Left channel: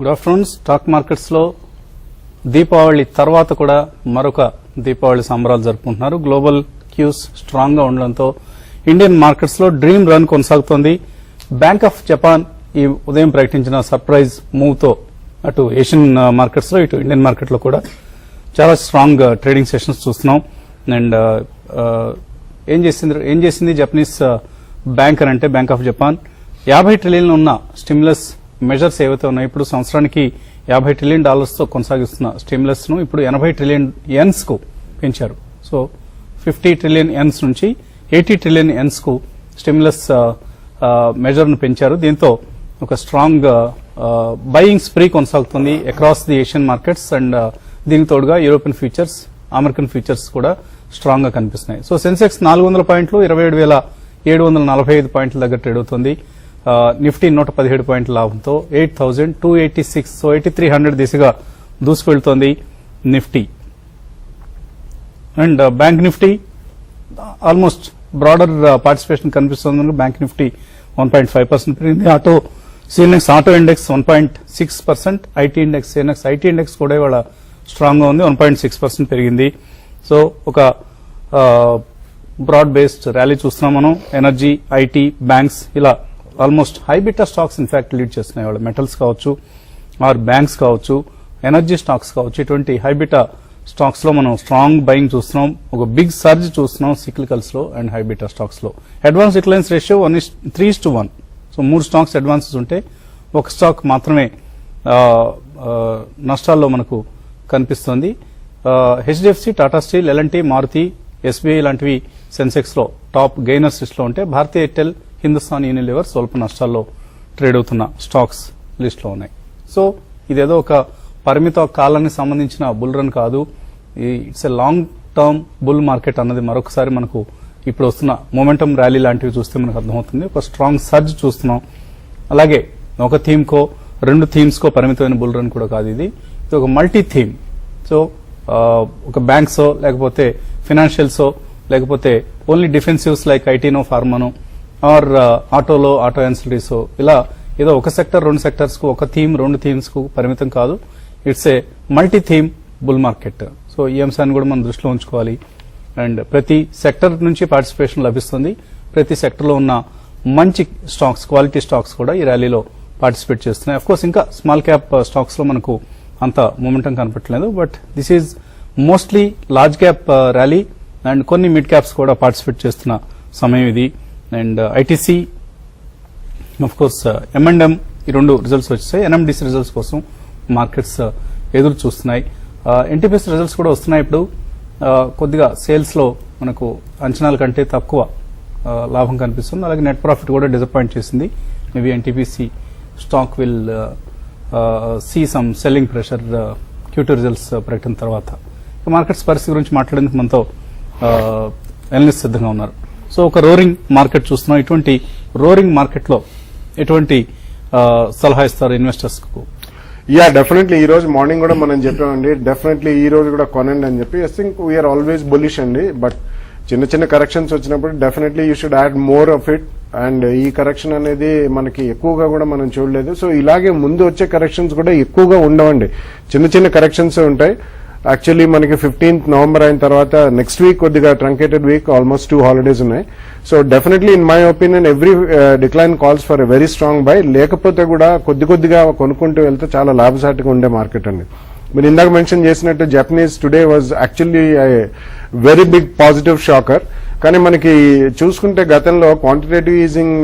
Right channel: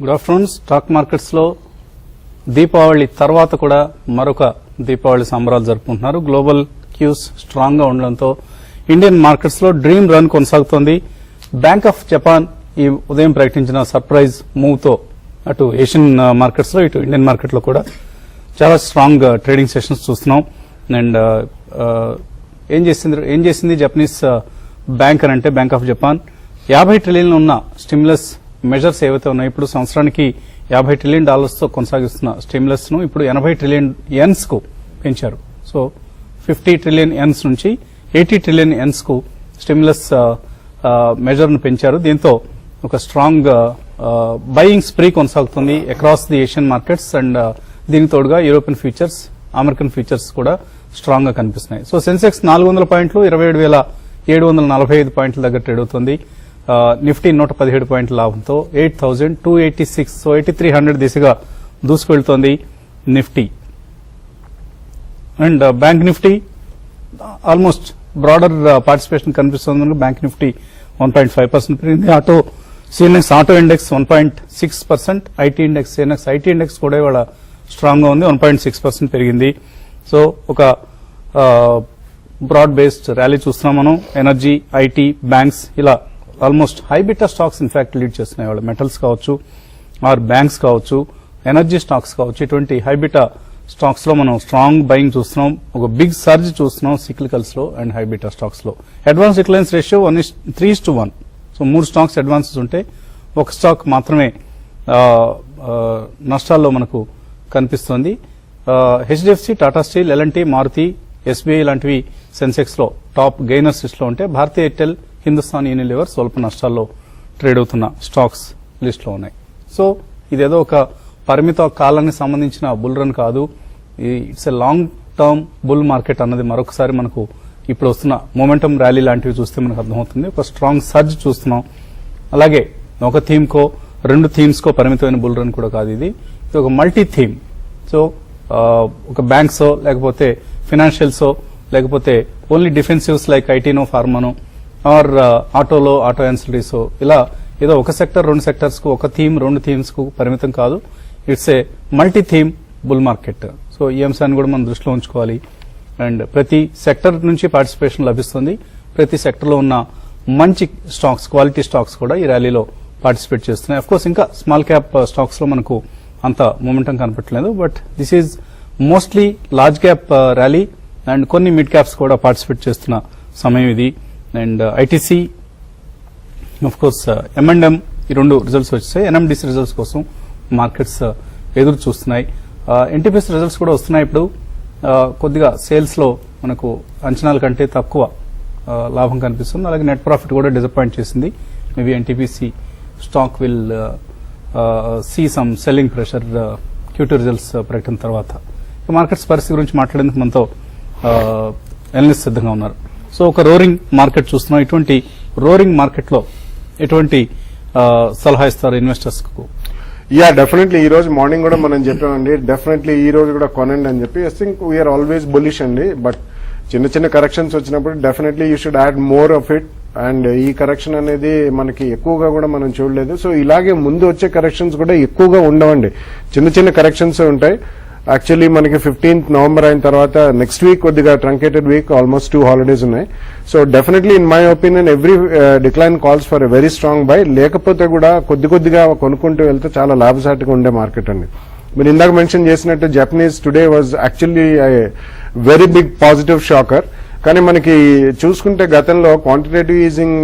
Good afternoon. Stock markets లో దీపావళి తర్వాత కూడా మరొక దీపావళి సంబరాలు జరుపుకుంటున్నారు. గ్లోబల్ క్యూస్ స్ట్రాంగ్ గా ఉండడంతో ఇండియన్ మార్కెట్స్ లో డ్రీమ్ రన్ కొనసాగుతోంది. బ్యాంక్ ఆఫ్ జపాన్ ఈ ఉదయం ప్రకటించిన సర్ప్రైజ్ మూవ్ తో అటు ఏషియన్ మార్కెట్స్ లో ఇటు ఇండియన్ మార్కెట్ లో కూడా చాలా స్ట్రాంగ్ ట్రేడింగ్ సెషన్స్ చూస్తున్నాం. అండ్ ఏం చేసింది జపనీస్ బ్యాంక్ అని అంటే బ్యాంక్ ఆఫ్ జపాన్ 50 ట్రిలియన్లు ఉన్న స్టిమ్యులస్ మెజర్స్ ఏవైతే ఉన్నాయో ఇప్పుడు సంవత్సరానికి $50 ట్రిలియన్ తో కొనసాగిస్తున్న స్టిమ్యులస్ ను ఇప్పుడు 80 ట్రిలియన్ యెన్స్ కు పెంచారు. సో 50 ట్రిలియన్ యెన్స్ నుంచి 80 ట్రిలియన్ యెన్స్ కు స్టిమ్యులస్ మెజర్ ను పెంచారు. దీంతో ఒక స్ట్రాంగ్ బయింగ్ స్ప్రీ కొనసాగుతుంది across the Asian markets. And దీని తోడుగా యూరోపియన్ ఫ్యూచర్స్, అమెరికన్ ఫ్యూచర్స్ కూడా స్ట్రాంగ్ గా కనిపిస్తున్నాయి. సో సెన్సెక్స్ 400 పాయింట్లు 27,745 పాయింట్ల దగ్గర ట్రేడ్ అవుతుంది. నిఫ్టీ 117 పాయింట్ల లాభంతో 8,286, సో 8,300 దిశగా దూసుకెళ్తోంది Nifty. And bank Nifty almost broader participation కనిపిస్తుంది. బ్యాంక్ నిఫ్టీ 1.5% పెరిగింది. CNX auto index 1.6%, IT index CNX IT index కూడా ఇవాళ స్ట్రాంగ్ గా ఉంది, 1.6% పెరిగింది. సో ఒక బ్రాడ్ బేస్డ్ ర్యాలీ చూస్తున్నాం మనం. ఎనర్జీ, ఐటీ, బ్యాంక్స్ ఇలా almost high beta stocks in fact lead చేస్తున్నాయి. వాళ్ళు మెటల్స్ కావచ్చు, ఆర్ బ్యాంక్స్ కావచ్చు, ఎనర్జీ స్టాక్స్ కావచ్చు, ఇటువంటి హైబీటా స్టాక్స్ లో మనం స్ట్రాంగ్ బయింగ్ చూస్తున్నాం. ఒక బిగ్ సర్జ్ చూస్తున్నాం సిక్లికల్స్ లో అండ్ హైబీటా స్టాక్స్ లో. Advance declines ratio 3:1. So 3 stocks advances ఉంటే ఒక స్టాక్ మాత్రమే నష్టాల్లో మనకు కనిపిస్తోంది. HDFC, Tata steel, LNT, Maruti, SBI లాంటివి సెన్సెక్స్ లో టాప్ గెయినర్స్ లిస్ట్ లో ఉంటే భారతీయ ఎయిర్టెల్, హిందుస్థాన్ యూనిలివర్ స్వల్ప నష్టాల్లో ట్రేడ్ అవుతున్న స్టాక్స్ లిస్ట్ లో ఉన్నాయి. సో ఇదేదో ఒక పరిమిత కాలానికి సంబంధించిన బుల్ రన్ కాదు. It's a long term bull market అన్నది మరొకసారి మనకు ఇప్పుడు వస్తున్న మొమెంటం ర్యాలీ లాంటివి చూస్తే మనకు అర్థమవుతుంది. ఒక స్ట్రాంగ్ సర్జ్ చూస్తున్నాం. అలాగే ఒక థీమ్ కో 2 థీమ్స్ కో పరిమితమైన బుల్ రన్ కూడా కాదు. ఇది ఒక మల్టీ థీమ్. సో ఒక బ్యాంక్స్ లేకపోతే ఫైనాన్షియల్స్ లేకపోతే ఓన్లీ డిఫెన్సివ్స్ లైక్ ఐటీనో, ఫార్మానో, ఆర్ ఆటోలో, ఆటో యాన్సిలరీస్, ఇలా ఏదో ఒక సెక్టర్ 2 సెక్టర్స్ కు ఒక థీమ్ 2 థీమ్స్ కు పరిమితం కాదు. It's a multi theme bull market. So ఈ అంశాన్ని కూడా మనం దృష్టిలో ఉంచుకోవాలి. అండ్ ప్రతి సెక్టర్ నుంచి పార్టిసిపేషన్ లభిస్తుంది. ప్రతి సెక్టర్ లో ఉన్న మంచి స్టాక్స్, క్వాలిటీ స్టాక్స్ కూడా ఈ ర్యాలీలో పార్టిసిపేట్ చేస్తున్నాయి. అఫ్ కోర్స్ ఇంకా స్మాల్ క్యాప్ స్టాక్స్ లో మనకు అంత మూమెంటం కనపట్లేదు. But this is mostly large cap rally and కొన్ని మిడ్ క్యాప్స్ కూడా పార్టిసిపేట్ చేస్తున్న సమయం ఇది. And ITC, of course M&M, ఈ 2 రిజల్ట్స్ వచ్చాయి. ఎన్ఎండిసి రిజల్ట్స్ కోసం మార్కెట్స్ ఎదురు చూస్తున్నాయి. ఎన్టీపీఎస్ రిజల్ట్స్ కూడా వస్తున్నాయి. ఇప్పుడు కొద్దిగా సేల్స్ లో మనకు అంచనాల కంటే తక్కువ లాభం కనిపిస్తుంది. అలాగే నెట్ ప్రాఫిట్ కూడా డిసప్పాయింట్ చేసింది. Maybe NTPC stock will see some selling pressure Q2 results ప్రకటన తర్వాత. మార్కెట్స్ పరిస్థితి గురించి మాట్లాడేందుకు మనతో అనలిస్ట్ సిద్ధంగా ఉన్నారు. సో ఒక రోరింగ్ మార్కెట్ చూస్తున్నాం. ఇటువంటి రోరింగ్ మార్కెట్ లో ఎటువంటి సలహా ఇస్తారు ఇన్వెస్టర్స్ కు? యా, డెఫినెట్లీ ఈ రోజు మార్నింగ్ కూడా మనం చెప్పామండి, డెఫినెట్లీ ఈ రోజు కూడా కొనండి అని చెప్పి. I think we're always bullish అండి. బట్ చిన్న కరెక్షన్స్ వచ్చినప్పుడు definitely you should add more of it. And ఈ కరెక్షన్ అనేది మనకి ఎక్కువగా కూడా మనం చూడలేదు. సో ఇలాగే ముందు వచ్చే కరెక్షన్స్ కూడా ఎక్కువగా ఉండవండి, చిన్న కరెక్షన్స్ ఉంటాయి. యాక్చువల్లీ మనకి 15th నవంబర్ అయిన తర్వాత నెక్స్ట్ వీక్ కొద్దిగా ట్రంకేటెడ్ వీక్, ఆల్మోస్ట్ 2 హాలిడేస్ ఉన్నాయి. So definitely in my opinion every decline calls for a very strong by. లేకపోతే కూడా కొద్దిగా కొనుక్కుంటూ వెళ్తే చాలా లాభసాటిగా ఉండే మార్కెట్ అండి. మీరు ఇందాక మెన్షన్ చేసినట్టు Japanese today was actually very big positive shocker. కానీ మనకి చూసుకుంటే గతంలో క్వాంటిటేటివ్ ఈజింగ్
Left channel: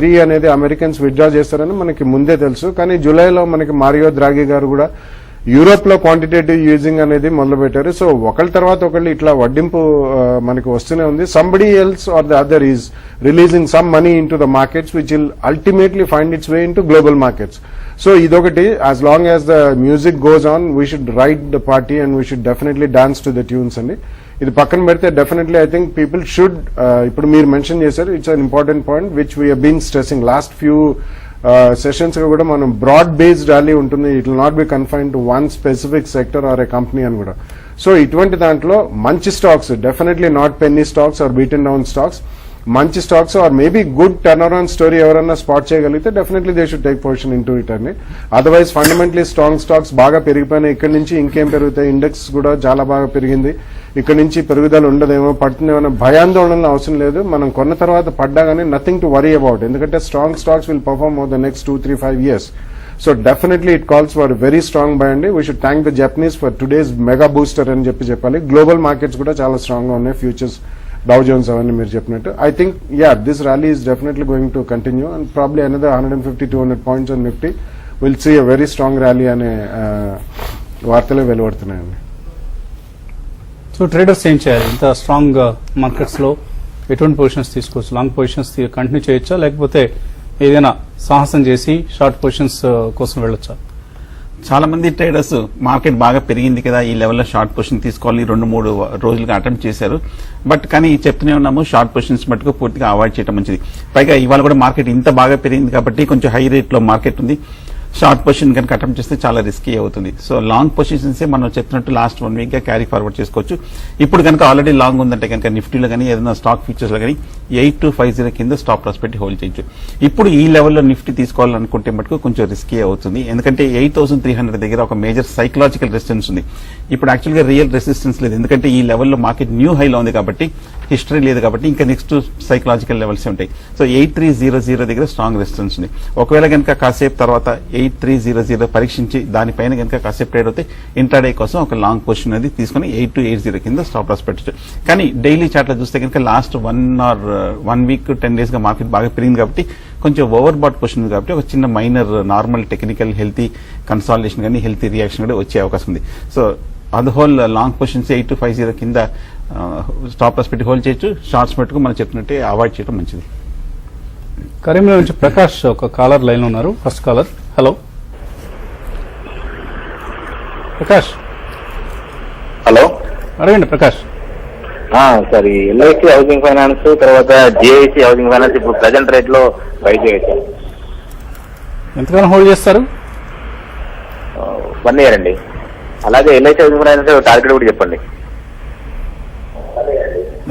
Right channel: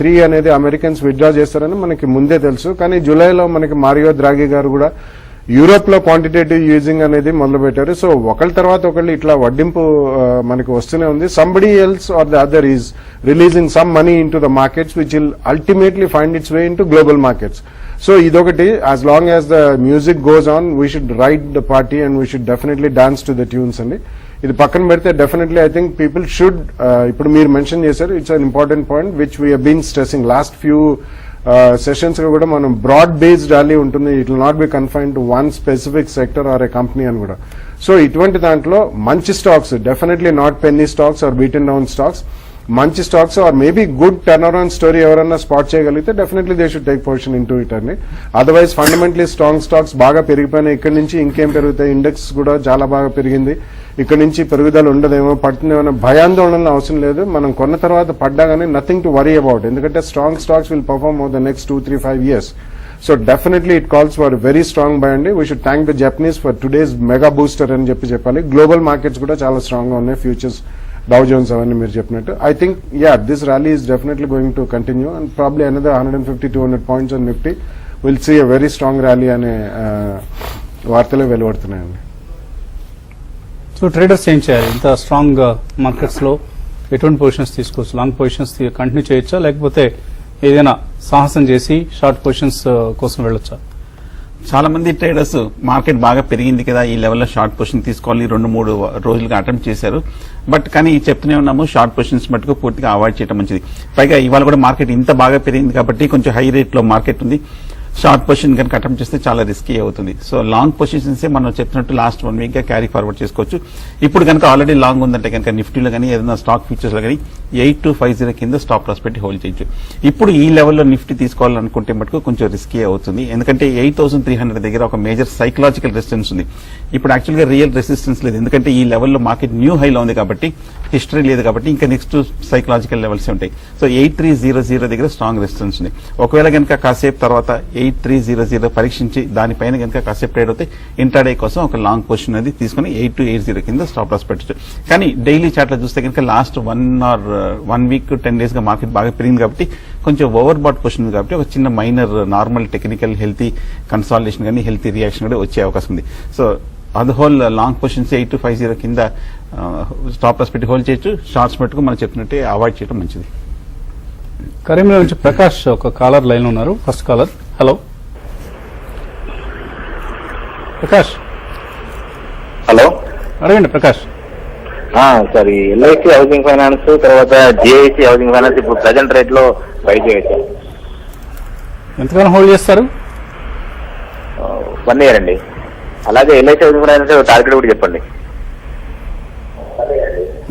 3 అనేది అమెరికన్స్ విత్డ్రా చేస్తారని మనకి ముందే తెలుసు. కానీ జూలైలో మనకి మారియో ద్రాగి గారు కూడా యూరోప్ లో క్వాంటిటేటివ్ యూజింగ్ అనేది మొదలు పెట్టారు. సో ఒకళ్ళ తర్వాత ఒకళ్ళు ఇట్లా వడ్డింపు మనకి వస్తూనే ఉంది. Somebody else or the other is releasing some money into the markets which will ultimately find its way into global markets. So ఇదొకటి, as long as the music goes on we should ride the party and we should definitely dance to the tunes అండి. ఇది పక్కన పెడితే definitely I think people should, ఇప్పుడు మీరు mention చేశారు, it's an important point which we're been స్ట్రెసింగ్ last few sessions లో కూడా. మనం బ్రాడ్ బేస్డ్ ర్యాలీ ఉంటుంది. It will not be confine to one specific sector or a company అని కూడా. So ఇటువంటి దాంట్లో మంచి stocks, definitely not penny stocks or beaten down stocks. మంచి stocks or maybe good turn around story ఎవరన్నా spot చేయగలిగితే definitely they should take position into it అండి. Otherwise fundamentally strong stocks బాగా పెరిగిపోయినాయి. ఇక్కడ నుంచి ఇంకేం పెరుగుతాయి, ఇండెక్స్ కూడా చాలా బాగా పెరిగింది. ఇక్కడ నుంచి పెరుగుదల ఉండదేమో, పడుతుందేమో భయాందోళన అవసరం లేదు. మనం కొన్న తర్వాత పడ్డా కానీ నథింగ్ టు వరీ అబౌట్, ఎందుకంటే strong stocks will perform over the next 2-3-5 years. So definitely it calls for a very strong buy అండి. We should thank the Japanese for today's mega booster అని చెప్పాలి. గ్లోబల్ మార్కెట్స్ కూడా చాలా strong గా ఉన్నాయి. Futures, డౌ Jones అవన్నీ మీరు చెప్పినట్టు. I think this rally is definitely going to continue and probably another 150-200 points on Nifty. We'll see a very strong rally అనే వార్తలే వెలువడుతున్నాయండి. సో ట్రేడర్స్ ఏం చేయాలి? ఇంత స్ట్రాంగ్ మార్కెట్స్ లో ఎటువంటి పొజిషన్స్ తీసుకోవచ్చు? లాంగ్ పొజిషన్స్ కంటిన్యూ చేయొచ్చా, లేకపోతే ఏదైనా సాహసం చేసి షార్ట్ పొజిషన్స్ కోసం వెళ్ళొచ్చా? చాలా మంది ట్రేడర్స్ మార్కెట్ బాగా పెరిగింది కదా, ఈ లెవెల్లో షార్ట్ పొజిషన్ తీసుకోవాలి 2-3 రోజులుగా అటెంప్ట్ చేశారు. బట్ కానీ చెప్తూనే ఉన్నాము, షార్ట్ పొజిషన్స్ మటుకు పూర్తిగా అవాయిడ్ చేయడం మంచిది. పైగా ఇవాళ కూడా మార్కెట్ ఇంత బాగా పెరిగింది కాబట్టి కొంచెం హై రేట్ లో మార్కెట్ ఉంది. షార్ట్ పొజిషన్ కనుక అటెంప్ట్ చేస్తే చాలా రిస్కీ అవుతుంది. సో లాంగ్ పొజిషన్స్ మనం చెప్పినట్టు లాస్ట్ 1 week క్యారీ ఫార్వర్డ్ చేసుకోవచ్చు. ఇప్పుడు కనుక ఆల్రెడీ లాంగ్ ఉందంటే కనుక నిఫ్టీలో కానీ ఏదైనా స్టాక్ ఫీచర్స్ లో కానీ 8250 కింద స్టాప్ లాస్ పెట్టి హోల్డ్ చేయొచ్చు. ఇప్పుడు ఈ లెవెల్లో నిఫ్టీ తీసుకోవాలనుకుంటే మటుకు కొంచెం రిస్కీ అవుతుంది, ఎందుకంటే 8300 దగ్గర ఒక మేజర్ సైకలాజికల్ రెసిస్టెన్స్ ఉంది. ఇప్పుడు యాక్చువల్గా రియల్ రెసిస్టెన్స్ లేదు, ఎందుకంటే ఈ లెవెల్లో మార్కెట్ న్యూ హైలో ఉంది కాబట్టి, హిస్టరీ లేదు కాబట్టి ఇంకా నెక్స్ట్ సైకలాజికల్ లెవెల్స్ ఉంటాయి. సో 8300 దగ్గర స్ట్రాంగ్ రెసిస్టెన్స్ ఉంది. ఒకవేళ కనుక కాసేపు తర్వాత 8300 పరీక్షించి దానిపైన కనుక కాసేపు ట్రేడ్ అవుతే ఇంట్రాడే కోసం ఒక లాంగ్ పొజిషన్ అనేది తీసుకుని 8280 కింద స్టాప్ లాస్ పెట్టచ్చు. కానీ డైలీ చార్ట్ లో చూస్తే కనుక లాస్ట్ 1 week 10 days గా మార్కెట్ బాగా పెరిగింది కాబట్టి కొంచెం ఓవర్ బాట్ పొజిషన్ ఉంది కాబట్టి ఒక చిన్న minor normal technical healthy consolidation కానీ హెల్తీ రియాక్షన్ కూడా వచ్చే అవకాశం ఉంది. సో అది హోల్ లాంగ్ పొజిషన్స్ 8250 కింద స్టాప్ లాస్ పెట్టి హోల్డ్ చేయొచ్చు. షార్ట్స్ మటుకు మనం చెప్పినట్టే అవాయిడ్ చేయడం మంచిది. కరీంనగర్ నుంచి ప్రకాష్ ఒక కాలర్ లైన్ ఉన్నారు. First caller. Hello Prakash. Hello, అడగండి Prakash. Sir LIC housing finance తర్వాత జేఐసి హౌసింగ్ ఫైనాన్స్ ఇప్పుడు ప్రజెంట్ రేట్ లో బయట వేశారు. ఎంతగానో హోల్డ్ చేస్తారు? 1 year అండి. అలాగే ఎల్ఐసి హౌసింగ్ ఫైనాన్స్ టార్గెట్ కూడా చెప్పండి.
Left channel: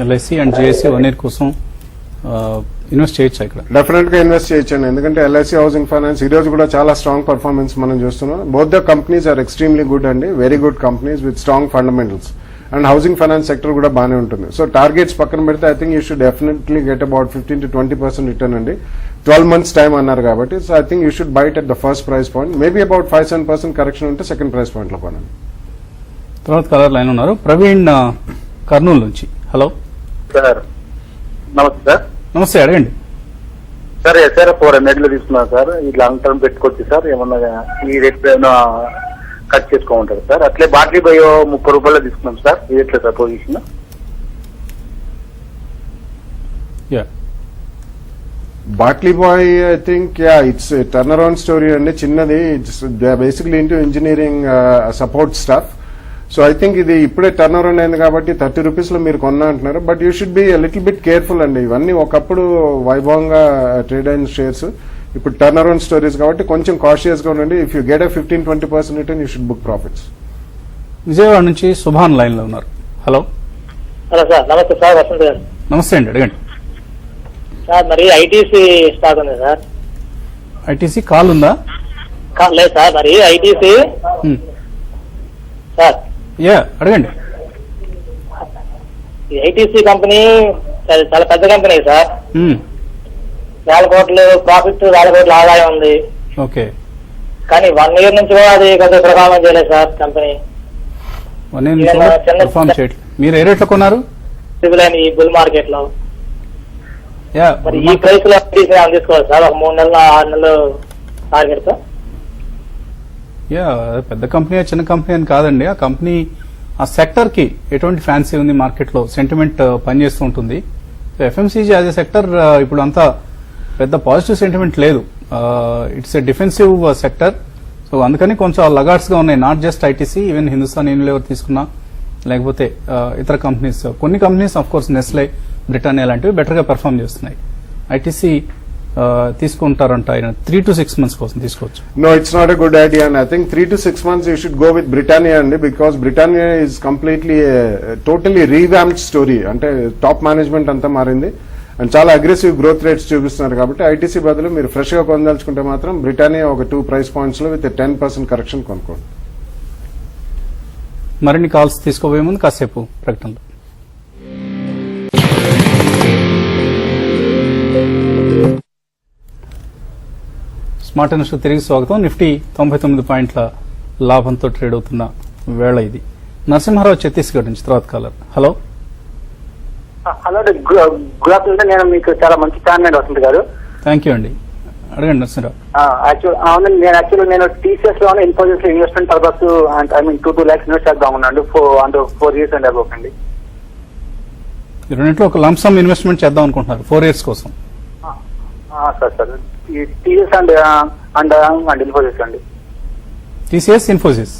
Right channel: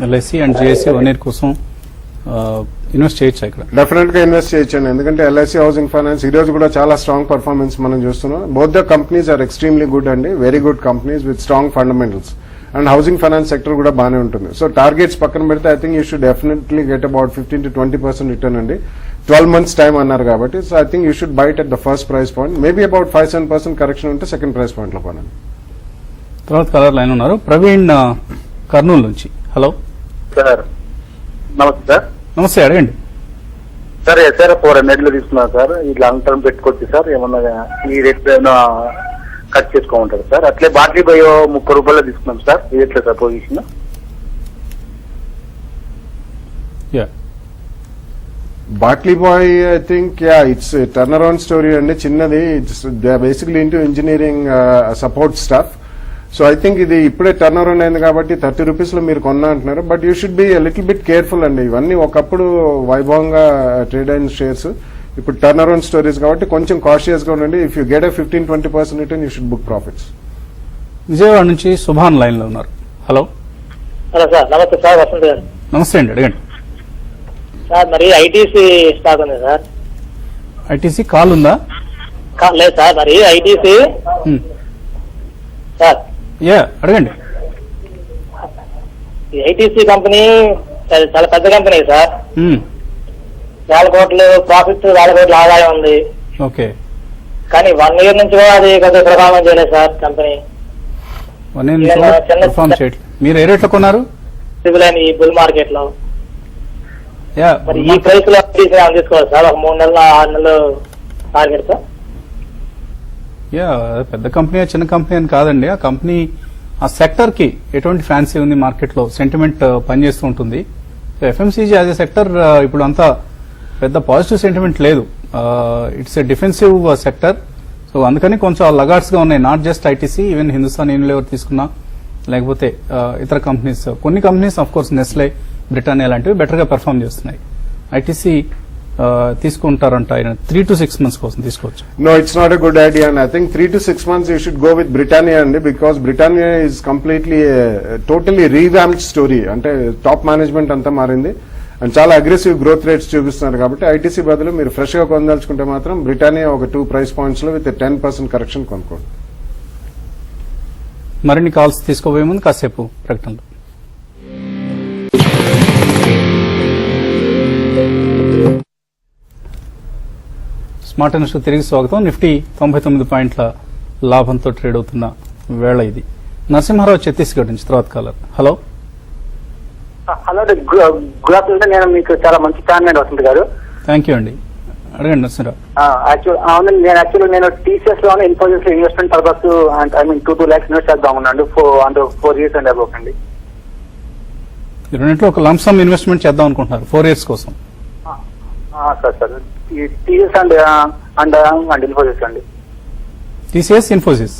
ఎల్ఐసి అండ్ జేఏసీ 1 year కోసం ఇన్వెస్ట్ చేయొచ్చా ఇక్కడ? డెఫినెట్ గా ఇన్వెస్ట్ చేయొచ్చండి, ఎందుకంటే ఎల్ఐసి హౌసింగ్ ఫైనాన్స్ ఈ రోజు కూడా చాలా స్ట్రాంగ్ పర్ఫార్మెన్స్ మనం చూస్తున్నాం. Both the companies are extremely good అండి, very good companies with strong fundamentals. And housing finance sector కూడా బాగానే ఉంటుంది. సో టార్గెట్స్ పక్కన పెడితే I think you should definitely get about 15-20% return అండి. 12 months టైం అన్నారు కాబట్టి. So I think you should bite at the first price point. Maybe about 5-7% correction అంటే second price point లో కొనండి. తర్వాత కలర్ లైన్ ఉన్నారు. ప్రవీణ్ కర్నూలు నుంచి. హలో సార్ నమస్తే సార్. నమస్తే, అడగండి. సార్ సార్ 400 లో తీసుకున్నారు సార్. ఈ లాంగ్ టర్మ్ పెట్టుకోవచ్చు సార్, ఏమన్నా ఈ రేట్ పైన కట్ చేసుకోమంటారు సార్. అట్లే బాకీ బయో 30 రూపాయలు తీసుకున్నాం సార్. ఇది ఎట్లా sir position? Batliboi I think it's turn around story అండి. చిన్నది, it's basically into engineering support staff. So I think ఇది ఇప్పుడే టర్న్ అరౌండ్ అయింది కాబట్టి 30 రూపీస్ లో మీరు కొన్నా అంటున్నారు. But you should be little bit careful అండి. ఇవన్నీ ఒకప్పుడు వైభవంగా ట్రేడ్ అయిన షేర్స్, ఇప్పుడు టర్న్ అరౌండ్ స్టోరీస్ కాబట్టి కొంచెం కాషియస్ గా ఉండండి. If you get 15-20% return you should book profits. Vijayawada నుంచి సుభాన్ లైన్ లో ఉన్నారు. హలో సార్ నమస్తే సార్. వస్తుంది సార్. నమస్తే అండి, అడగండి. సార్ మరి ఐటీసీ స్టాక్ ఉంది సార్. ఐటీసీ కాల్ ఉందా? లేదు సార్, మరి ఐటీసీ సార్. అడగండి. ఐటీసీ కంపెనీ చాలా పెద్ద కంపెనీ సార్. 4 కోట్లు ప్రాఫిట్, 4 కోట్ల ఆదాయం ఉంది. ఓకే. కానీ 1 year నుంచి కూడా అది పెద్ద పరిణామం చేయలేదు సార్ కంపెనీ. మీరు ఏ రేట్లో కొన్నారు? ఈ బుల్ మార్కెట్ లో. మరి ఈ ప్రైస్ లో అందించుకోవాలి సార్. ఒక 3 నెలలు 6 నెలలు ఆగలేదు సార్. పెద్ద కంపెనీ చిన్న కంపెనీ అని కాదండి. ఆ కంపెనీ ఆ సెక్టర్ కి ఎటువంటి ఫ్యాన్సీ ఉంది మార్కెట్ లో, సెంటిమెంట్ పనిచేస్తూ ఉంటుంది. ఎఫ్ఎంసీజీ యాజ్ ఎ సెక్టర్ ఇప్పుడు అంతా పెద్ద పాజిటివ్ సెంటిమెంట్ లేదు. It's a defensive sector. So అందుకని కొంచెం లగార్డ్స్ గా ఉన్నాయి. Not just ITC, even Hindustan Unilever తీసుకున్నా, లేకపోతే ఇతర కంపెనీస్, కొన్ని companies of course Nestle, Britannia లాంటివి బెటర్ గా పెర్ఫార్మ్ చేస్తున్నాయి. ఐటీసీ తీసుకుంటారంట ఆయన 3 to 6 months కోసం తీసుకోవచ్చు. No, it's not a good idea, and I think 3 to 6 months you should go with Britannia only, because Britannia is completely totally revamped story. అంటే top management అంతా మారింది and చాలా aggressive growth rates చూపిస్తున్నారు. కాబట్టి ITC బదులు మీరు fresh గా పొందాల్చుకుంటే మాత్రం బ్రిటానియా ఒక 2 ప్రైస్ పాయింట్స్ లో విత్ 10% కరెక్షన్ కొనుక్కోండి. మరిన్ని కాల్స్ తీసుకోబోయే ముందు కాసేపు ప్రకటనలు. స్మార్ట్ ఇన్వెస్టర్ తిరిగి స్వాగతం. నిఫ్టీ 99 పాయింట్ల లాభంతో ట్రేడ్ అవుతున్న వేళ ఇది. నరసింహారావు ఛత్తీస్గఢ్ నుంచి తర్వాత caller. Hello. Hello good afternoon. నేను మీకు చాలా మంచి ఫ్యాన్ వస్తుంది గారు. థ్యాంక్ యూ అండి. అడగండి నరసింహారావు. నేను టీసీఎస్ లో Infosys investment purpose I mean 2 lakhs invest చేద్దాం ఉన్నాను 4 years అండ్ అబౌవ్ అండి. మీరు రెండింటిలో ఒక లంసమ్ ఇన్వెస్ట్మెంట్ చేద్దాం అనుకుంటున్నారు 4 years కోసం. సార్ ఈ టీఎస్ అండ్ ఇన్ఫోసిస్ అండి. TCS, Infosys.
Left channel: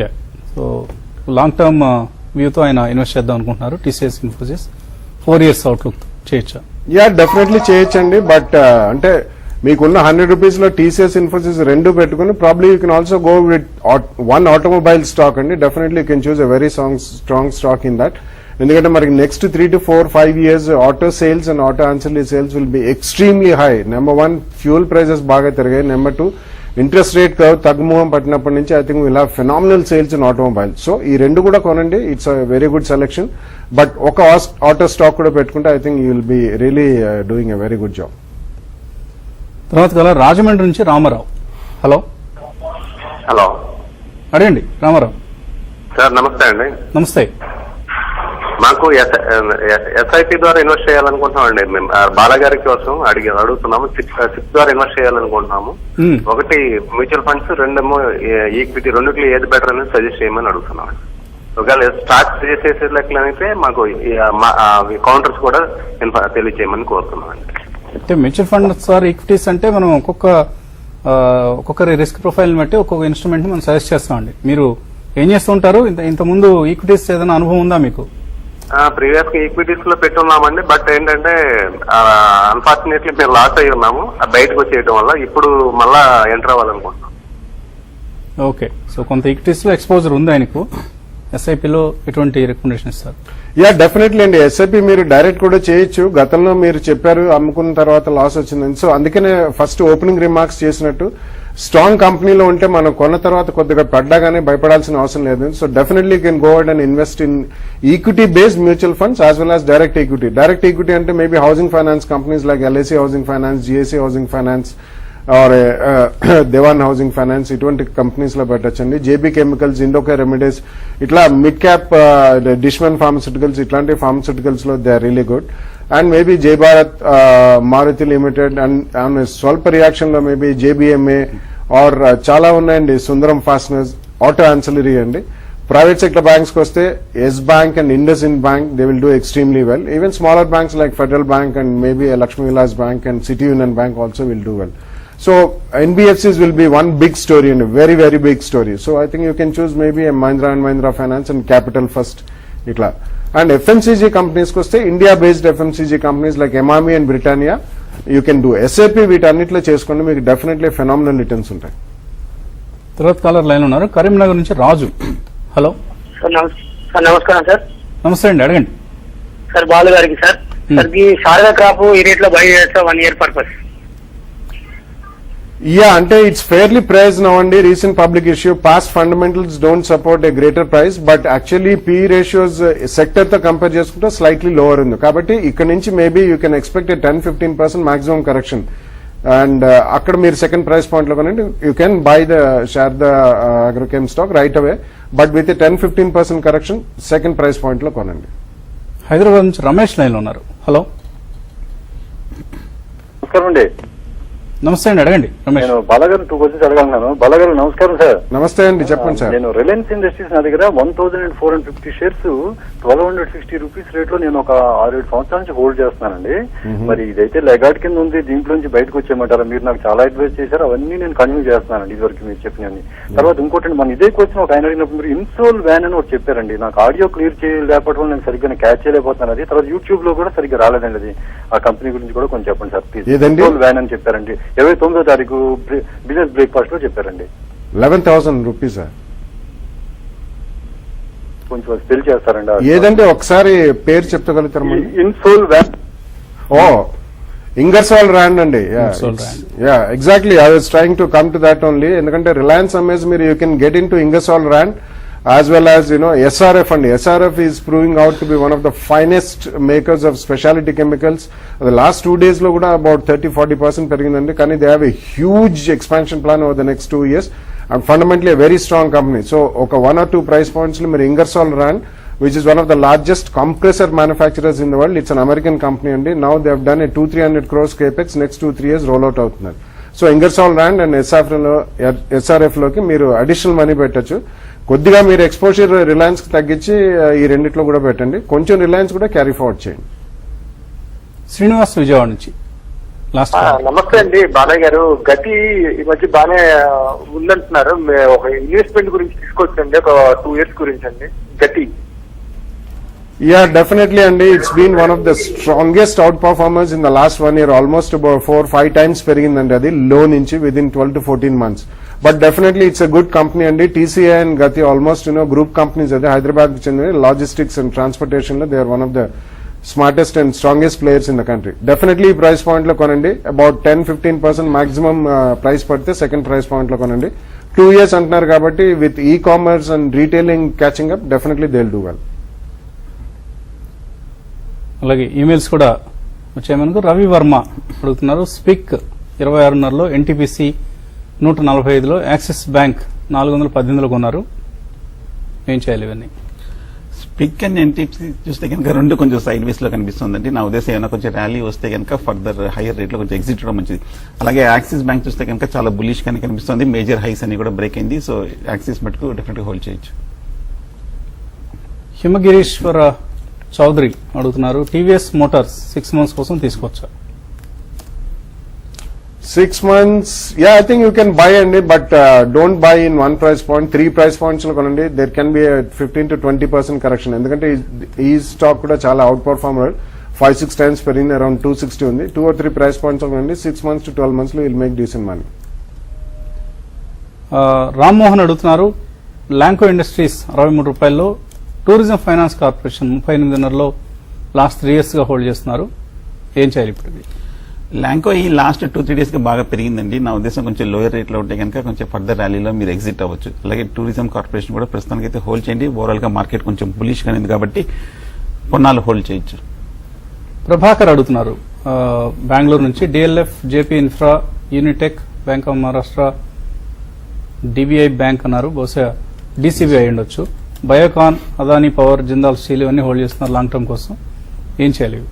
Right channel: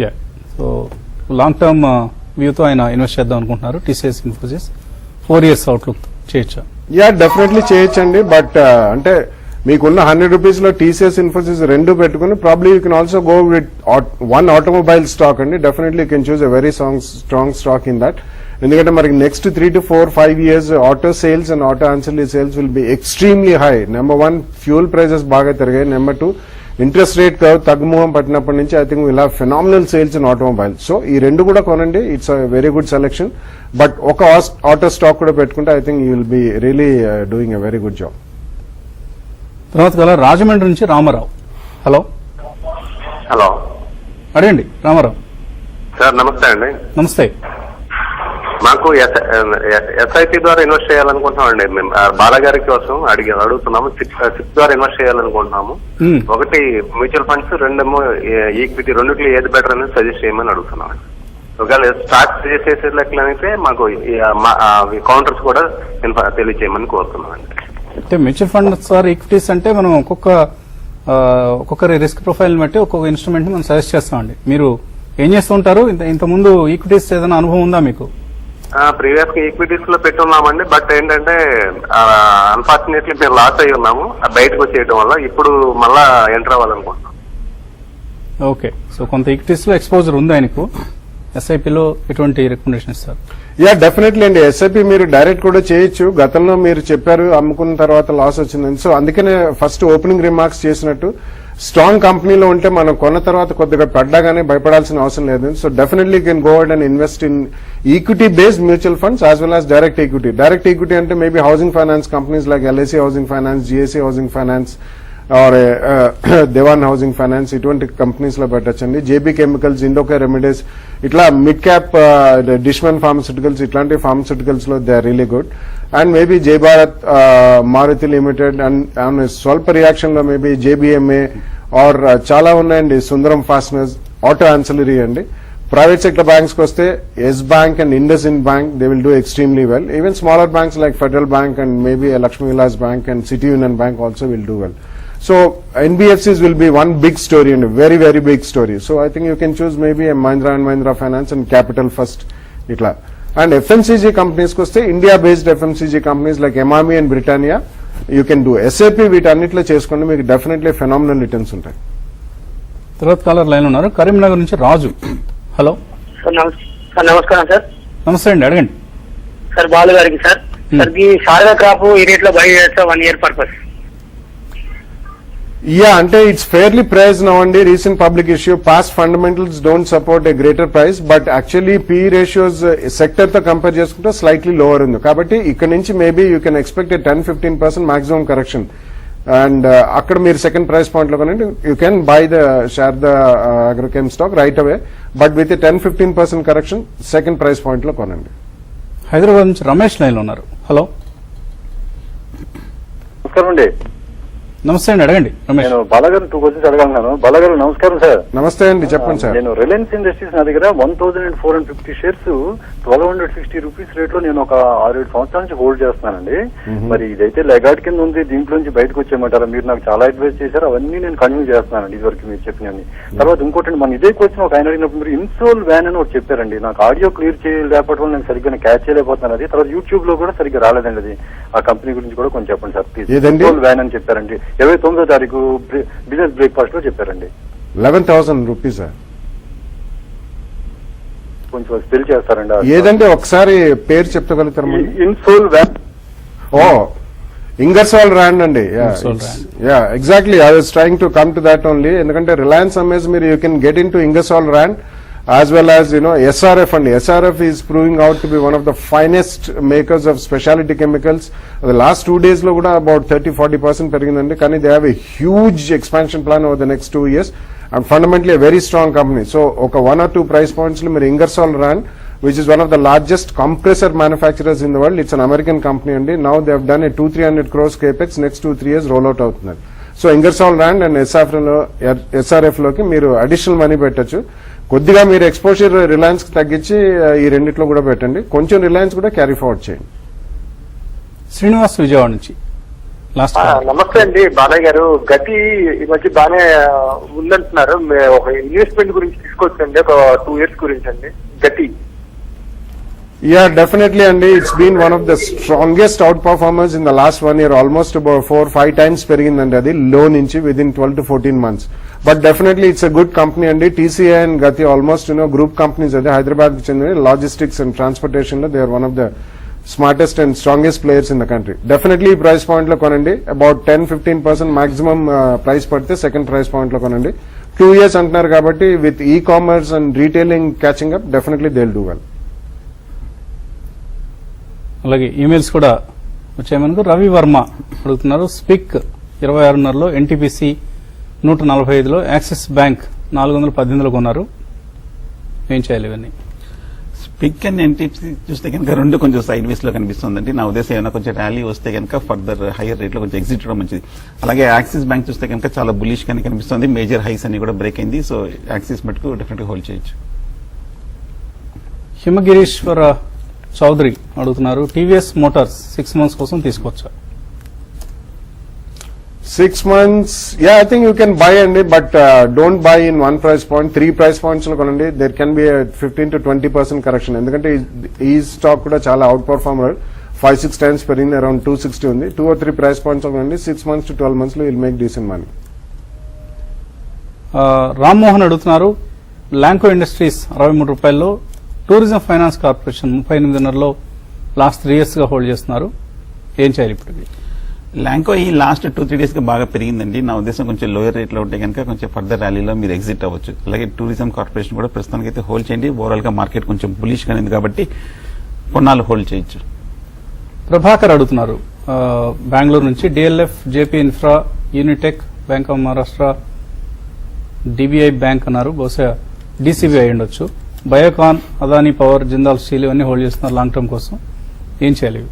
Yeah, so long term వ్యూతో ఆయన ఇన్వెస్ట్ చేద్దాం అనుకుంటున్నారు. టీసీఎస్, ఇన్ఫోసిస్ 4 years అవుట్లుక్ చేయొచ్చా? యా, డెఫినెట్లీ చేయొచ్చండి. బట్ అంటే మీకున్న 100 రూపీస్ లో టీసీఎస్, ఇన్ఫోసిస్ రెండు పెట్టుకుని probably you can also go with one automobile stock అండి. Definitely you can choose a very strong stock in that. ఎందుకంటే మరి next 3 to 4-5 years auto sales and auto ancillary sales will be extremely high. Number 1 fuel prices బాగా పెరిగాయి. Number 2 interest rate curve తగ్గుముఖం పట్టినప్పటి నుంచి I think will have phenomenal sales in automobile. So ఈ రెండు కూడా కొనండి. It's a very good selection. But ఒక auto stock కూడా పెట్టుకుంటే I think you will be really doing a very good job. తర్వాత రాజమండ్రి నుంచి రామారావు. హలో. హలో, అడగండి రామారావు. సార్ నమస్తే అండి. నమస్తే. మాకు ఎస్ఐపి ద్వారా ఇన్వెస్ట్ చేయాలనుకుంటున్నాం అండి. మేము బాలగారి కోసం అడుగుతున్నాము. సిక్స్ ద్వారా ఇన్వెస్ట్ చేయాలనుకుంటున్నాము. ఒకటి మ్యూచువల్ ఫండ్స్, రెండేమో ఈక్విటీ. రెండుకి ఏది బెటర్ అనేది సజెస్ట్ చేయమని అడుగుతున్నాం. ఒకవేళ స్టార్ట్ చేసేసేట్లయితే మాకు కౌంటర్స్ కూడా తెలియజేయమని కోరుతున్నాం అండి. అంటే మ్యూచువల్ ఫండ్స్ సార్ ఈక్విటీస్ అంటే మనం ఒక్కొక్కరి రిస్క్ ప్రొఫైల్ బట్టి ఒక్కొక్క ఇన్స్ట్రుమెంట్ మనం సజెస్ట్ చేస్తామండి. మీరు ఏం చేస్తూ ఉంటారు? ఇంతకుముందు ఈక్విటీస్ ఏదైనా అనుభవం ఉందా మీకు? ప్రీవియస్ గా ఈక్విటీస్ లో పెట్టున్నామండి. బట్ ఏంటంటే అన్ఫార్చునేట్లీ మేము లాస్ అయ్యి ఉన్నాము బయటకు వచ్చేయడం వల్ల. ఇప్పుడు మళ్ళా ఎంటర్ అవ్వాలనుకుంటున్నాం. ఓకే, సో కొంత ఈక్విటీస్ లో ఎక్స్పోజర్ ఉంది ఆయనకు. ఎస్ఐపిలో ఎటువంటి రికమెండేషన్ ఇస్తారు? యా, డెఫినెట్లీ అండి. ఎస్ఐపి మీరు డైరెక్ట్ కూడా చేయొచ్చు. గతంలో మీరు చెప్పారు అమ్ముకున్న తర్వాత లాస్ వచ్చిందని. సో అందుకనే ఫస్ట్ ఓపెనింగ్ రిమార్క్స్ చేసినట్టు స్ట్రాంగ్ కంపెనీలో ఉంటే మనం కొన్న తర్వాత కొద్దిగా పడ్డాగానే భయపడాల్సిన అవసరం లేదు. So definitely can go ahead and invest in equity based mutual funds as well as direct equity. Direct equity అంటే maybe housing finance companies like LIC housing finance, GIC housing finance or Dewan housing finance, ఇటువంటి companies లో పెట్టచ్చండి. JB chemicals, Indoco remedies, ఇట్లా mid cap Dishman pharmaceuticals, ఇట్లాంటి pharmaceuticals లో they are really good. And maybe Jay Bharat, Maruti limited, and స్వల్ప reaction లో maybe జేబీఎంఏ or చాలా ఉన్నాయండి. సుందరం ఫాస్టనర్స్, ఆటో ఆన్సిలరీ అండి. ప్రైవేట్ సెక్టర్ బ్యాంక్స్ కి వస్తే Yes bank and IndusInd bank they will do extremely well. Even smaller banks like Federal bank and maybe Lakshmi Vilas bank and City Union bank also will do well. So NBFCs will be one big story and a very, very big story. So I think you can choose maybe a Mahindra and Mahindra Finance and Capital First. Itla. And FMCG companies koste India-based FMCG companies like Emami and Britannia, you can do SAP వీటన్నిటిలో చేసుకుంటే మీకు definitely phenomenal returns ఉంటాయి. తర్వాత caller line ఉన్నారు. కరీంనగర్ నుంచి రాజు. Hello. Sir నమస్కారం sir. నమస్తే అండి, అడగండి. సార్ బాలు గారికి సార్. సార్ ఈ సాదా క్రాప్ ఈ రేట్ లో బై చేస్తా 1 year పర్పస్. Yeah, అంటే it's fairly priced now అండి. Recent public issue, past fundamentals don't support a greater price, but actually PE ratios sector తో కంపేర్ చేసుకుంటే slightly lower ఉంది. కాబట్టి ఇక్కడ నుంచి maybe you can expect a 10-15% maximum correction. And అక్కడ మీరు సెకండ్ ప్రైస్ పాయింట్ లో కొనండి. You can buy the share the agrochem stock right away, but with a 10-15% correction second price point లో కొనండి. హైదరాబాద్ నుంచి రమేష్ లైన్ ఉన్నారు. హలో. నమస్తే అండి, అడగండి రమేష్. బాలగారు 2 questions అడగన్నాను. బాలగారు నమస్కారం సార్. నమస్తే అండి, చెప్పండి సార్. నేను రిలయన్స్ ఇండస్ట్రీస్ నా దగ్గర 1450 షేర్స్ 1260 రూపీస్ రేట్ లో నేను ఒక 6-7 సంవత్సరాల నుంచి హోల్డ్ చేస్తున్నానండి. మరి ఇదైతే లెగాట్ కింద ఉంది, దీంట్లో నుంచి బయటకు వచ్చేయమంటారు. మీరు నాకు చాలా అడ్వైస్ చేశారు, అవన్నీ నేను కంటిన్యూ చేస్తున్నాను ఇదివరకు మీరు చెప్పినవి. తర్వాత ఇంకోటి మన ఇదే క్వశ్చన్ ఒక ఆయన అడిగినప్పుడు మీరు ఇన్సోల్ వ్యాన్ అని ఒకటి చెప్పారండి. నాకు ఆడియో క్లియర్ చేయలేకపోవడం నేను సరిగ్గా క్యాచ్ చేయలేకపోతాను. అది తర్వాత యూట్యూబ్ లో కూడా సరిగ్గా రాలేదండి. అది ఆ కంపెనీ గురించి కూడా కొంచెం చెప్పండి సార్ ప్లీజ్. ఇన్సోల్ వ్యాన్ అని చెప్పారండి. 29వ తారీఖు బిజినెస్ బ్రేక్ఫాస్ట్ లో చెప్పారండి. 11,000 రూపీస్. కొంచెం స్పెల్ చేస్తారండి. ఏదంటే ఒకసారి పేరు చెప్పగలుగుతారు. ఇన్సోల్ వ్యాన్. ఓ, ఇంగర్సాల్ ర్యాండ్ అండి. Ingersoll Rand. Yeah exactly, I was trying to come to that only. ఎందుకంటే రిలయన్స్ అమ్మేసి మీరు you can get into Ingersoll Rand as well as SRF and SRF is proving out to be one of the finest makers of specialty chemicals. The last 2 days lo kuda about 30-40% perigindandi, kani they have a huge expansion plan over the next 2 years and fundamentally a very strong company. So oka 1 or 2 price points lo meer Ingersoll Rand, which is one of the largest compressor manufacturers in the world. It's an American company and now they have done a 200-300 crores capex next 2-3 years rollout avutunnadu. So Ingersoll Rand and SRF loki meer additional money పెట్టొచ్చు. కొద్దిగా మీరు exposure Reliance తగ్గించి ఈ రెండిట్లో కూడా పెట్టండి, కొంచెం Reliance కూడా క్యారీ ఫార్వర్డ్ చేయండి. శ్రీనివాస్ విజయవాడ నుంచి లాస్ట్ నమస్తే అండి బాలయ్య గారు. గతి ఈ మధ్య బాగా ఉందంటున్నారు. ఒక ఇన్వెస్ట్మెంట్ గురించి తీసుకోవచ్చండి, ఒక 2 years గురించి అండి గతి. యా డెఫినెట్లీ అండి, it's been one of the strongest outperformance in the last 1 year. Almost 4-5 times పెరిగిందండి అది లో నుంచి within 12 to 14 months. But definitely it's a good company and TCI and Gati almost group companies are Hyderabad logistics and transportation. They are one of the smartest and strongest players in the country. Definitely price point lo konandi about 10-15% maximum price padte second price point lo konandi. 2 years antaru kabatti with e-commerce and retailing catching up, definitely they'll do well. అలాగే emails కూడా వచ్చే ముందు రవి వర్మ అడుగుతున్నారు. Speak 26.5లో NTPC 145లో axis bank 418లో కొన్నారు, ఏం చేయాలి ఇవన్నీ? Spick and NTPC చూస్తే కనుక రెండు కొంచెం సైడ్ వేస్ లో కనిపిస్తుందండి. నా ఉద్దేశం ఏమైనా కొంచెం ర్యాలీ వస్తే కనుక ఫర్దర్ హైయర్ రేట్ లో కొంచెం ఎగ్జిట్ అవడం మంచిది. అలాగే యాక్సిస్ బ్యాంక్ చూస్తే కనుక చాలా బులిష్ గానే కనిపిస్తుంది, మేజర్ హైస్ అని కూడా బ్రేక్ అయింది. సో యాక్సిస్ మటుకు డెఫినెట్ గా హోల్డ్ చేయొచ్చు. హిమగిరీశ్వర చౌదరి అడుగుతున్నారు. టీవీఎస్ మోటార్స్ 6 months కోసం తీసుకోవచ్చా? 6 months, yeah, I think you can buy and but don't buy in one price point. 3 price points lo konandi. There can be a 15-20% correction. Endukante ee stock kuda chala outperformer 5-6 times perindi, around 260 undi. 2 or 3 price points lo konandi. 6 months to 12 months lo will make decent money. Rammohan అడుగుతున్నారు. Lanco industries 63 రూపాయల్లో, tourism finance corporation 38.5లో last 3 years గా hold చేస్తున్నారు, ఏం చేయాలి ఇప్పుడు? ల్యాంకో ఈ last 2-3 days గా బాగా పెరిగిందండి. నా ఉద్దేశం కొంచెం లోయర్ రేట్ లో ఉంటే కనుక కొంచెం ఫర్దర్ ర్యాలీలో మీరు ఎగ్జిట్ అవ్వచ్చు. అలాగే టూరిజం కార్పొరేషన్ కూడా ప్రస్తుతానికి అయితే హోల్డ్ చేయండి. ఓవరాల్ గా మార్కెట్ కొంచెం బులిష్ గా ఉంది కాబట్టి కొన్నాళ్ళు హోల్డ్ చేయొచ్చు. ప్రభాకర్ అడుగుతున్నారు బెంగళూరు నుంచి. DLF, JP infra, Unitech, bank of Maharashtra, డిబిఐ bank అన్నారు, బహుశా డీసీబీ అయి ఉండొచ్చు. బయోకాన్, అదానీ పవర్, జిందాల్ స్టీల్ ఇవన్నీ హోల్డ్ చేస్తున్నారు లాంగ్ టర్మ్ కోసం, ఏం చేయాలి?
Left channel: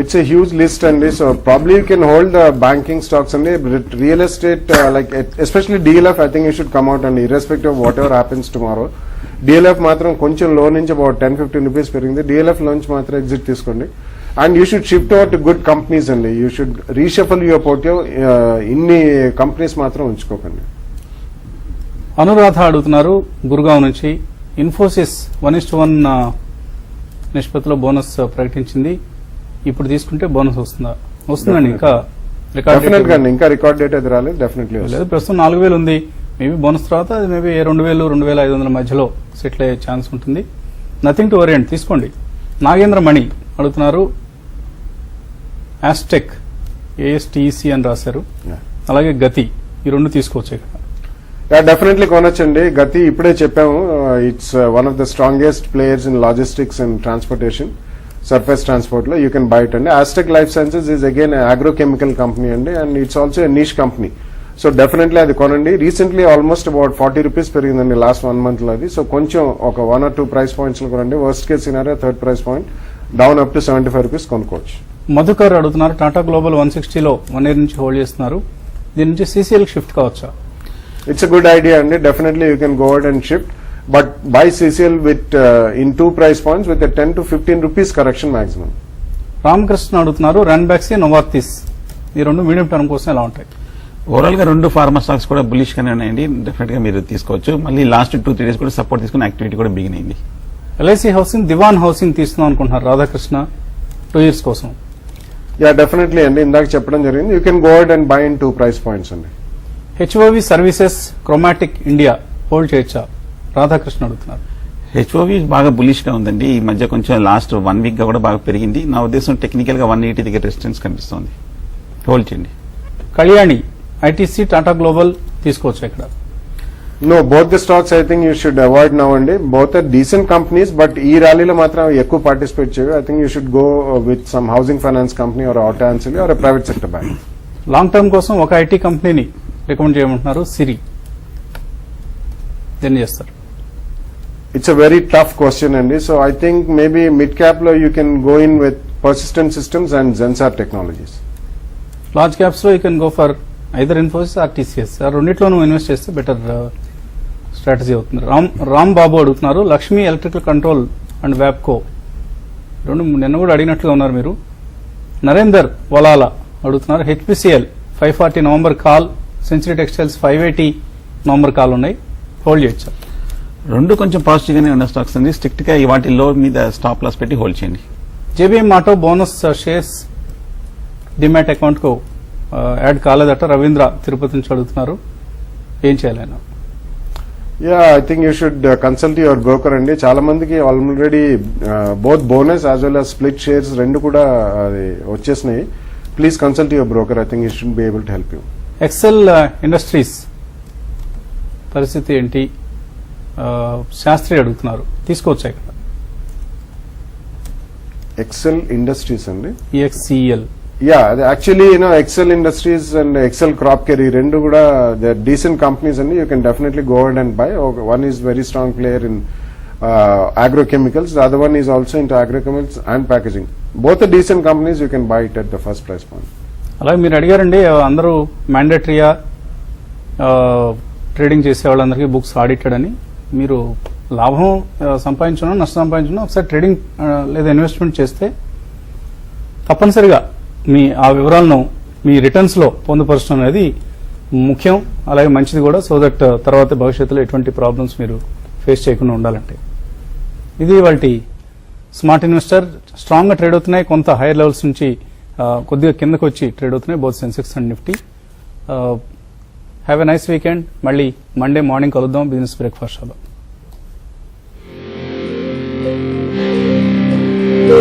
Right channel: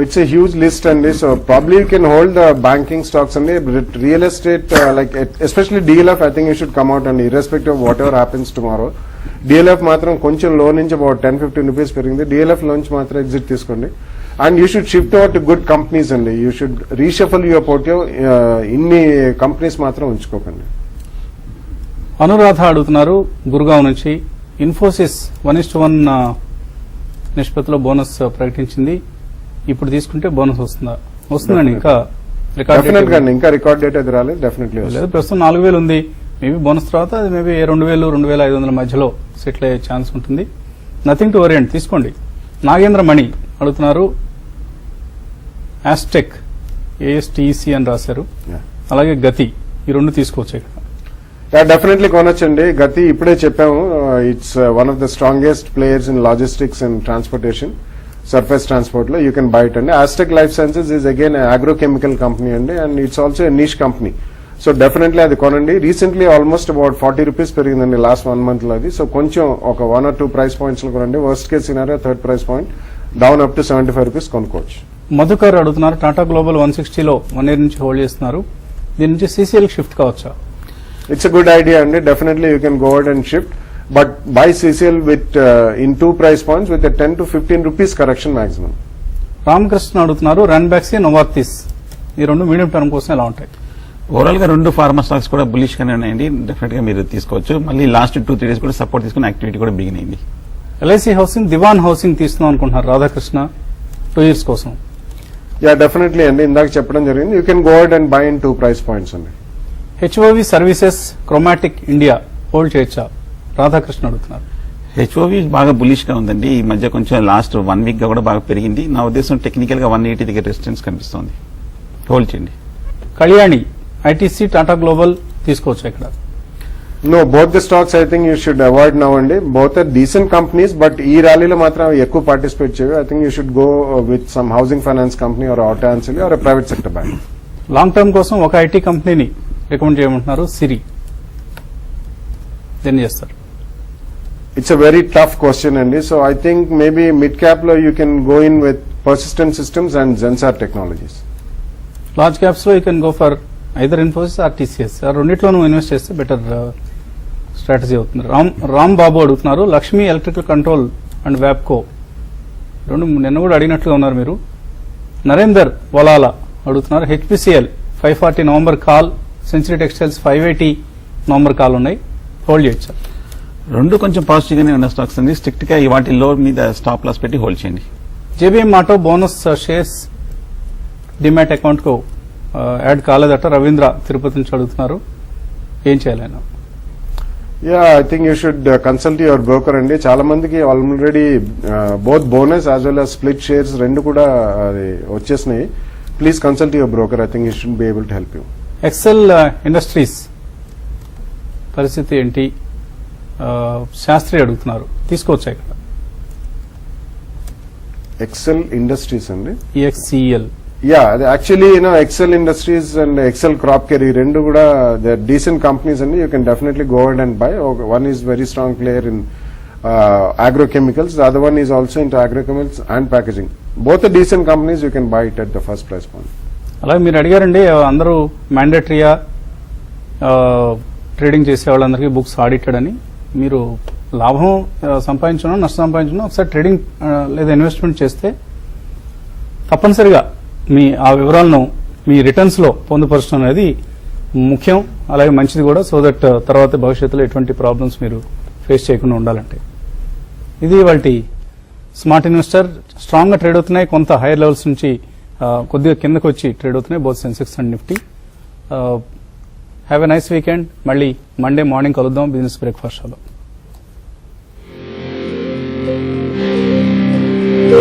It's a huge list and so probably you can hold the banking stocks and real estate like especially DLF. I think you should come out and irrespective of whatever happens tomorrow, DLF matram koncham low nunchi about 10-15 rupees perindi. DLF lunch matram exit teeskondi and you should shift over to good companies and you should reshuffle your portfolio. Inni companies matram unchukokandi. Anuradha అడుగుతున్నారు గురుగావ్ నుంచి. ఇన్ఫోసిస్ 1:1 నిష్పత్తిలో bonus ప్రకటించింది, ఇప్పుడు తీసుకుంటే bonus వస్తుందండి? ఇంకా record date అయితే రాలేదు, డెఫినెట్లీ లేదు. ప్రస్తుతం 4,000 ఉంది, మేబీ బోనస్ తర్వాత అది మేబీ 2,000-2,500 మధ్యలో సెటిల్ అయ్యే ఛాన్స్ ఉంటుంది. నథింగ్ టు వరీ అండి, తీసుకోండి. నాగేంద్ర మణి అడుగుతున్నారు. ఆస్టెక్, ఏఎస్టీసీ అని రాశారు, అలాగే గతి, ఈ రెండు తీసుకోవచ్చు. డెఫినెట్లీ కొనొచ్చండి. గతి ఇప్పుడే చెప్పాము, it's one of the strongest players in logistics and transportation, surface transport lo you can buy it. And Aztec Life Sciences is again an agrochemical company and it's also a niche company, so definitely adi konandi. Recently almost about 40 rupees perigindandi last 1 month lo adi. So koncham oka 1 or 2 price points lo konandi. Worst case scenario third price point down up to 75 rupees konukochu. Madhukar అడుగుతున్నారు. Tata global 160లో 1 year నుంచి hold చేస్తున్నారు, దీని నుంచి CCL shift కావచ్చా? It's a good idea and definitely you can go ahead and shift, but buy CCL with in 2 price points with a 10-15 rupees correction maximum. Ramakrishna అడుగుతున్నారు. రన్బ్యాక్స్, Novartis, ఈ రెండు మీడియం టర్మ్ కోసం ఎలా ఉంటాయి? ఓవరాల్ గా రెండు ఫార్మా స్టాక్స్ కూడా బులిష్ గానే ఉన్నాయండి, డెఫినెట్ గా మీరు తీసుకోవచ్చు. మళ్ళీ లాస్ట్ 2-3 days కూడా సపోర్ట్ తీసుకుని యాక్టివిటీ కూడా బిగిన్ అయింది. ఎల్ఐసి హౌసింగ్, దివాన్ హౌసింగ్ తీసుకుందాం అనుకుంటున్నారు రాధాకృష్ణ 2 years కోసం. Yeah, definitely అండి, ఇందాక చెప్పడం జరిగింది. You can go ahead and buy in 2 price points అండి. HOV services, chromatic India hold చేయొచ్చా? రాధాకృష్ణ అడుగుతున్నారు. హెచ్ఓవి బాగా బులిష్ గా ఉందండి. ఈ మధ్య కొంచెం లాస్ట్ 1 వీక్ గా కూడా బాగా పెరిగింది. నా ఉద్దేశం టెక్నికల్ గా 180 దగ్గర రెసిస్టెన్స్ కనిపిస్తుంది. హోల్డ్ చేయండి. కళ్యాణి, ఐటీసీ, టాటా గ్లోబల్ తీసుకోవచ్చు ఇక్కడ. No, both the stocks I think you should avoid now అండి. Both are decent companies, but ఈ ర్యాలీలో మాత్రం ఎక్కువ పార్టిసిపేట్ చేయవు. I think you should go with some housing finance company or auto ancillary or a private sector bank. Long term కోసం ఒక IT కంపెనీని recommend చేయమంటున్నారు. సిరి దేని చేస్తారు? It's a very tough question అండి. So I think maybe mid cap లో you can go in with Persistent Systems and Zensar Technologies. Large caps లో you can go for either Infosys or TCS. రెండిట్లోనూ invest చేస్తే better strategy అవుతుంది. రామ్ బాబు అడుగుతున్నారు Lakshmi electrical control and Wabco. నిన్న కూడా అడిగినట్లుగా ఉన్నారు మీరు. నరేందర్ వలాలా అడుగుతున్నారు HPCL 540 November call, Century textiles 580 November call ఉన్నాయి. హోల్డ్ చేయొచ్చు సార్. రెండు కొంచెం పాజిటివ్ గానే ఉన్న స్టాక్స్ అండి. స్ట్రిక్ట్ గా వాటి లో మీద స్టాప్ లాస్ పెట్టి హోల్డ్ చేయండి. JBM auto bonus shares demat account కు యాడ్ కాలేదట. రవీంద్ర తిరుపతి నుంచి అడుగుతున్నారు ఏం చేయాలి ఆయన? Yeah, I think you should consult your broker అండి. చాలా మందికి already both bonus as well as split shares రెండు కూడా వచ్చేసినాయి. Please consult your broker. I think you should be able to help you. Excel Industries పరిస్థితి ఏంటి? శాస్త్రి అడుగుతున్నారు తీసుకోవచ్చా ఇక్కడ? ఎక్సెల్ ఇండస్ట్రీస్ అండి. ఈఎక్సిఎల్. Yeah, actually, Excel Industries and Excel Crop Care, ఈ రెండు కూడా they're decent companies and you can definitely go ahead and buy. One is very strong player in agrochemicals, the other one is also into agrochemicals and packaging. Both are decent companies, you can buy it at the first price point. అలాగే మీరు అడిగారండి అందరూ మ్యాండేటరీగా trading చేసే వాళ్ళందరికీ books audited అని. మీరు లాభం సంపాదించడం నష్టం సంపాదించడం ఒకసారి ట్రేడింగ్ లేదా ఇన్వెస్ట్మెంట్ చేస్తే తప్పనిసరిగా మీ ఆ వివరాలను మీ రిటర్న్స్ లో పొందుపరచడం అనేది ముఖ్యం, అలాగే మంచిది కూడా. సో దట్ తర్వాత భవిష్యత్తులో ఎటువంటి ప్రాబ్లమ్స్ మీరు ఫేస్ చేయకుండా ఉండాలంటే. ఇది వాటి స్మార్ట్ ఇన్వెస్టర్. స్ట్రాంగ్ గా ట్రేడ్ అవుతున్నాయి, కొంత హై లెవెల్స్ నుంచి కొద్దిగా కిందకు వచ్చి ట్రేడ్ అవుతున్నాయి both Sensex and Nifty. Have a nice weekend. మళ్ళీ మండే మార్నింగ్ కలుద్దాం బిజినెస్ బ్రేక్ఫాస్ట్ షోలో.